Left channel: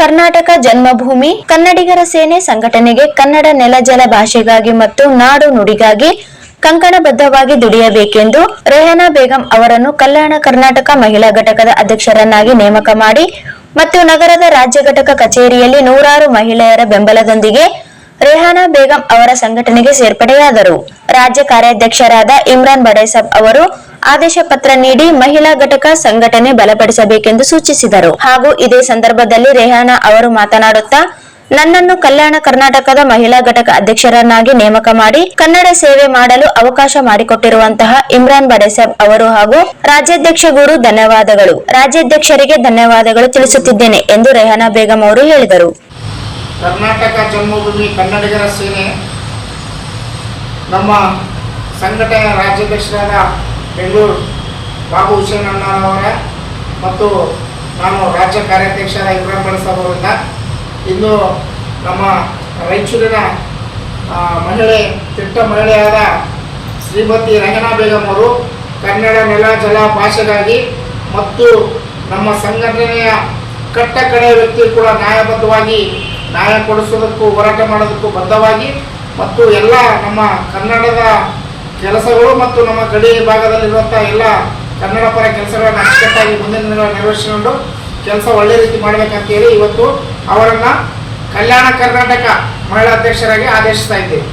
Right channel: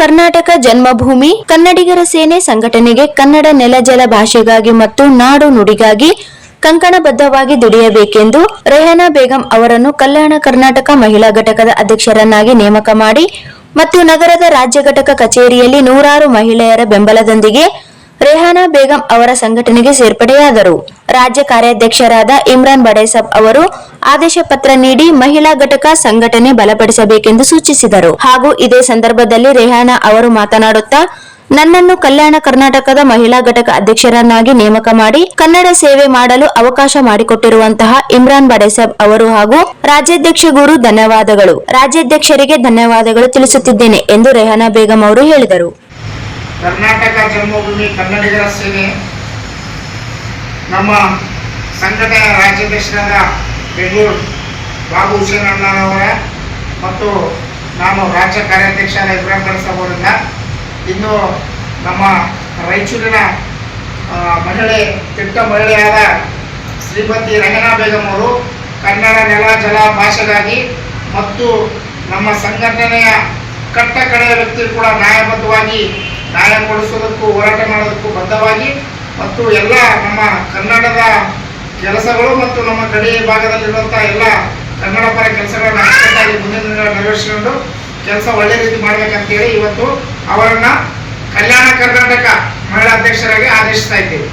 ಕರ್ನಾಟಕ ಜನ್ಮಭೂಮಿ ಕನ್ನಡಿಗರ ಸೇನೆ ಸಂಘಟನೆಗೆ ಕನ್ನಡ ನೆಲ ಜಲ ಭಾಷೆಗಾಗಿ ಮತ್ತು ನಾಡು ನುಡಿಗಾಗಿ ಕಂಕಣಬದ್ಧವಾಗಿ ದುಡಿಯಬೇಕೆಂದು ರೆಹನಾ ಬೇಗಂ ಅವರನ್ನು ಕಲ್ಯಾಣ ಕರ್ನಾಟಕ ಮಹಿಳಾ ಘಟಕದ ಅಧ್ಯಕ್ಷರನ್ನಾಗಿ ನೇಮಕ ಮಾಡಿ ಮತ್ತು ನಗರದ ರಾಜ್ಯ ಘಟಕ ಕಚೇರಿಯಲ್ಲಿ ನೂರಾರು ಮಹಿಳೆಯರ ಬೆಂಬಲದೊಂದಿಗೆ ರೆಹನಾ ಬೇಗಂ ಅವರ ಸಂಘಟನೆಗೆ ಸೇರ್ಪಡೆಯಾದರು. ರಾಜ್ಯ ಕಾರ್ಯಾಧ್ಯಕ್ಷರಾದ ಇಮ್ರಾನ್ ಬಡೇಸಾಬ್ ಅವರು ಆದೇಶ ಪತ್ರ ನೀಡಿ ಮಹಿಳಾ ಘಟಕ ಸಂಘಟನೆ ಬಲಪಡಿಸಬೇಕೆಂದು ಸೂಚಿಸಿದರು. ಹಾಗೂ ಇದೇ ಸಂದರ್ಭದಲ್ಲಿ ರೆಹನಾ ಅವರು ಮಾತನಾಡುತ್ತಾ, ನನ್ನನ್ನು ಕಲ್ಯಾಣ ಕರ್ನಾಟಕದ ಮಹಿಳಾ ಘಟಕ ಅಧ್ಯಕ್ಷರನ್ನಾಗಿ ನೇಮಕ ಮಾಡಿ ಕನ್ನಡ ಸೇವೆ ಮಾಡಲು ಅವಕಾಶ ಮಾಡಿಕೊಟ್ಟಿರುವಂತಹ ಇಮ್ರಾನ್ ಬಡೇಸಾಬ್ ಅವರು ಹಾಗೂ ರಾಜ್ಯಾಧ್ಯಕ್ಷ ಗುರು ಧನ್ಯವಾದಗಳು. ರಾಜ್ಯಾಧ್ಯಕ್ಷರಿಗೆ ಧನ್ಯವಾದಗಳು ತಿಳಿಸುತ್ತಿದ್ದೇನೆ ಎಂದು ರೆಹನಾ ಬೇಗಂ ಅವರು ಹೇಳಿದರು. ಕರ್ನಾಟಕ ಜನ್ಮಭೂಮಿ ಕನ್ನಡಿಗರ ಸೇನೆ ನಮ್ಮ ಸಂಘಟನೆಯ ರಾಜ್ಯಾಧ್ಯಕ್ಷರಾದ ಬೆಂಗಳೂರು ಬಾಬು ಹುಸೇನ್ ಅಣ್ಣನವರ ಮತ್ತು ನಾನು ರಾಜ್ಯ ಕಾರ್ಯಾಧ್ಯಕ್ಷರಾದ ಇಮ್ರಾನ್ ಬಡೇಸಾಬ್ ಅವರಿಂದ ಇನ್ನು ನಮ್ಮ ರಾಯಚೂರಿನ ಮಹಿಳೆ ತಿಟ್ಟ ಮಹಿಳೆಯಾದ ಶ್ರೀಮತಿ ರೆಹನಾ ಬೇಗಂ ಅವರು ಕನ್ನಡ ನೆಲ ಜಲ ಭಾಷೆಗಾಗಿ ಮತ್ತು ನಮ್ಮ ಸಂಘಟನೆಯ ಕಟ್ಟ ಕಡೆಯ ವ್ಯಕ್ತಿ ಕೂಡ ನ್ಯಾಯಬದ್ಧವಾಗಿ ನ್ಯಾಯ ಕೊಡಿಸೋದಕ್ಕೂ ಹೋರಾಟ ಮಾಡೋದಕ್ಕೂ ಬದ್ಧವಾಗಿ ಮತ್ತು ಎಲ್ಲ ನಮ್ಮ ಕನ್ನಡದ ಕೆಲಸಗಳು ಮತ್ತು ನಮ್ಮ ಗಡಿ ಭಾಗದಲ್ಲಿರುವಂಥ ಎಲ್ಲ ಕನ್ನಡ ಪರ ಕೆಲಸಗಳನ್ನು ಅಚ್ಚುಕಟ್ಟಾಗಿ ಮುಂದಿನ ದಿನಗಳಲ್ಲಿ ನಿರ್ವಹಿಸಿಕೊಂಡು ಕೆಲಸ ಒಳ್ಳೆ ರೀತಿ ಮಾಡಬೇಕಂತೇಳಿ ಇವತ್ತು ಅವರನ್ನು ಕಲ್ಯಾಣ ಕರ್ನಾಟಕ ಮಹಿಳಾ ಅಧ್ಯಕ್ಷರಾಗಿ ಆದೇಶಿಸ್ತಾ ಇದ್ದೇವೆ.